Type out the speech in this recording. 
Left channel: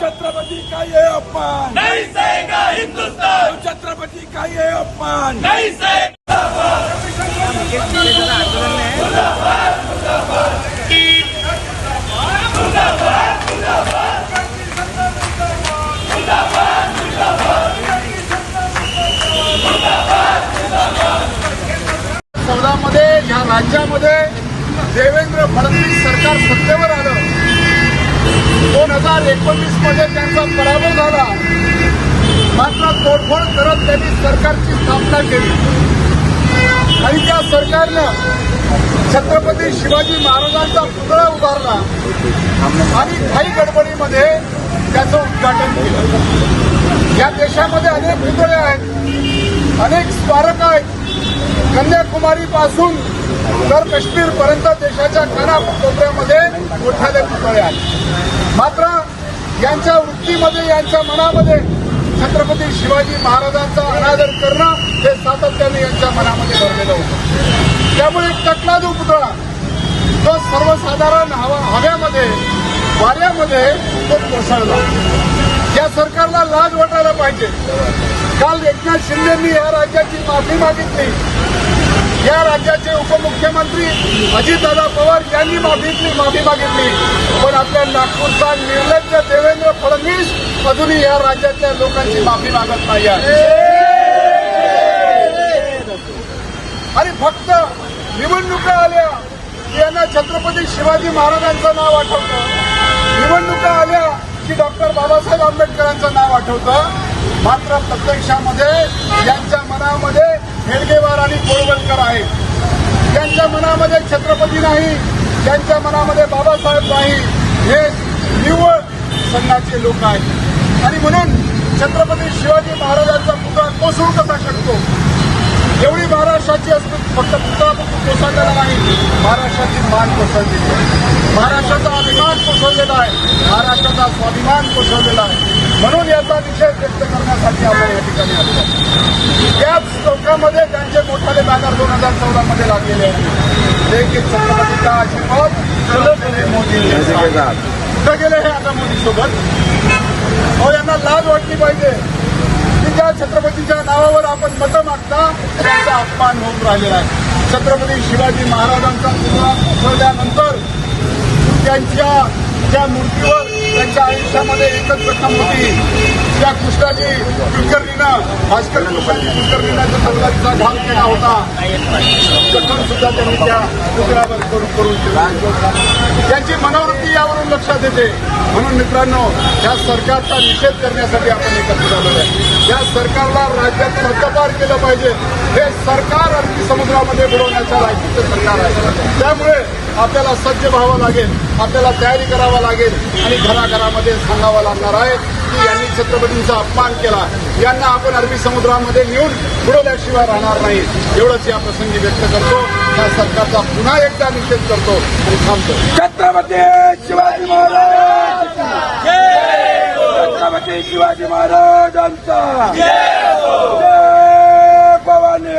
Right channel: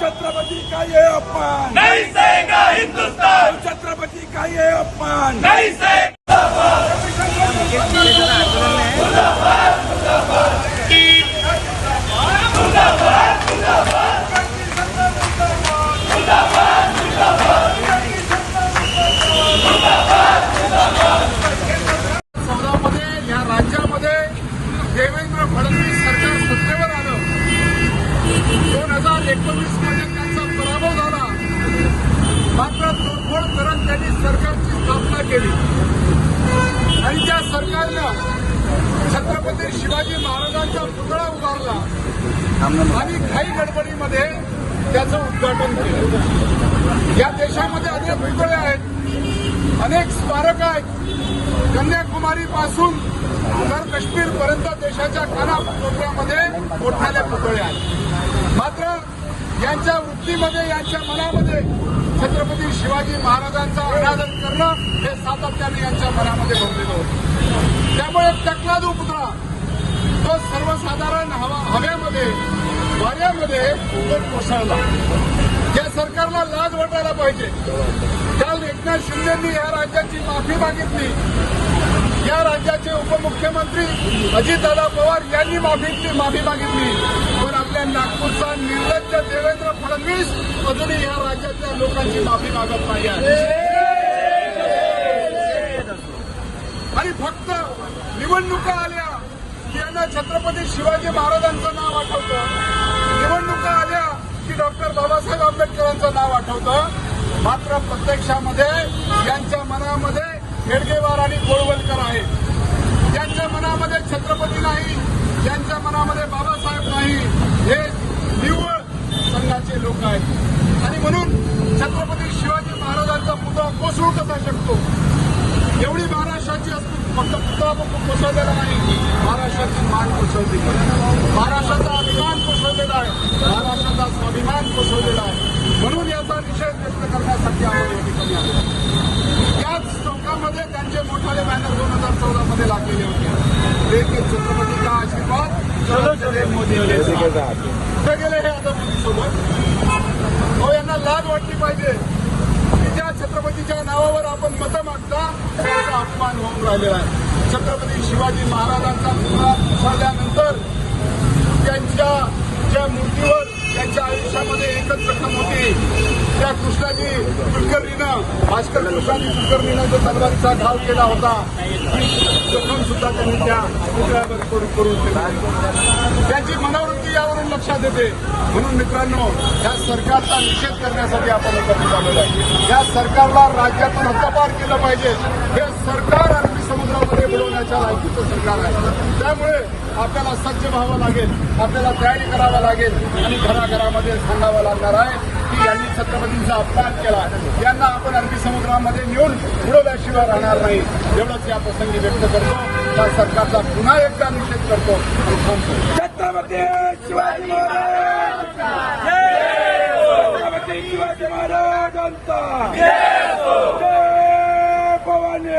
छत्रपति का ये अपमान नहीं सहेगा हिंदुस्तान छत्रपति का ये अपमान नहीं सहेगा चौदामध्ये या राज्यामध्ये देवेंद्र फडणवीस सरकार सत्तेवर आलं दोन हजार एकोणीसमध्ये त्यांचा पराभव झाला. मात्र तोडफोड करत त्यांनी सरकारची स्थापना केली. आणि त्या सरकारनं छत्रपती शिवाजी महाराजांचा पुतळा उभारला आणि घाई गडबडीमध्ये त्याचं उद्घाटन केलं. या देशामध्ये अनेक पुतळे आहेत अनेक स्मारक आहेत. कन्याकुमारी पासून तर काश्मीर पर्यंत देशाच्या कानाकोपऱ्यामध्ये मोठ्याले पुतळे आहेत. मात्र यांच्या वृत्तीमध्ये यांच्या मनामध्ये छत्रपती शिवाजी महाराजांचा अनादर करणं हे सातत्याने यांच्या मनामध्ये भरलेलं होतं. त्यामुळे टकलादू पुतळा जो सर्वसाधारण हवा हव्यामध्ये वाऱ्यामध्ये तो कोसळला. या सरकारला लाज वाटायला पाहिजे. काल एकनाथ शिंदेंनी या राज्याची माफी मागितली. या राज्याचे उपमुख्यमंत्री अजितदादा पवार यांनी माफीतली माफी मागितली. राज्यातल्या नागपूरचा निर्लज्ज देवेंद्र फडणवीस अजूनही या राज्यातल्या लोकांची माफी मागत नाही आहे. आणि फक्त निवडणुका आल्या की यांना छत्रपती शिवाजी महाराजांचं नाव आठवतं. निवडणुका आल्या की डॉक्टर बाबासाहेब आंबेडकरांचं नाव आठवतं. मात्र प्रत्यक्षामध्ये यांच्या मनामध्ये हेडगेवार आणि कोळवलकर आहेत. त्यांच्या मनामध्ये छत्रपती नाही त्यांच्या मनामध्ये बाबासाहेब नाही. हे निव्वळ संघाचे लोक आहेत. आणि म्हणून छत्रपती शिवाजी महाराजांचा पुतळा कोसळू कसा शकतो? एवढी महाराष्ट्राची अस्मिता फक्त पुतळा कोसळलेला नाही महाराष्ट्राची मान कोसळलेली आहे. महाराष्ट्राचा अभिमान कोसळलेला आहे महाराष्ट्राचा स्वाभिमान कोसळलेला आहे. म्हणून याचा निषेध व्यक्त करण्यासाठी आपण या ठिकाणी आलेलो आहे याच चौकामध्ये त्यांचे मोठाले बॅनर दोन हजार चौदा मध्ये लागलेले होते. जे की छत्रपतीचा आशीर्वाद कुठं गेले हे आता मोदीसोबत. अहो यांना लाज वाटली पाहिजे. की ज्या छत्रपतीच्या नावावर आपण मतं मागता त्यांचा अपमान होत राहिलेला आहे. छत्रपती शिवाजी महाराजांचा पुतळा कोसळल्यानंतर त्यांच्या त्या मूर्तीवर त्यांच्या आयुष्यामध्ये एकच घटना होती. त्या कृष्णाजी कुलकर्णीनं भास्कर कृष्णाजी कुलकर्णीनं जो तलवारीचा घात केला होता जखम सुद्धा त्यांनी त्या पुतळ्यावर करून करून त्यांची मनोवृत्ती यावरून लक्षात येते. म्हणून मित्रांनो या सरकारचा निषेध करण्यासाठी आपण एकत्र आलेलो आहे. या सरकारला राज्यातून हद्दपार केलं पाहिजे. हे सरकार अरबी समुद्रामध्ये बुडवण्याच्या लायकीचं सरकार आहे. त्यामुळे आपल्याला सज्ज व्हावं लागेल आपल्याला तयारी करावं लागेल आणि घराघरामध्ये सांगावं लागणार आहे की यांनी छत्रपतींचा अपमान केला. यांना आपण अरबी समुद्रामध्ये नेऊन बुडवल्याशिवाय राहणार नाही. एवढंच या प्रसंगी व्यक्त करतो. या सरकारचा पुन्हा एकदा निषेध करतो. थांबतो छत्रपती शिवाजी महाराज! शिवाजी महाराजांचा! भवानी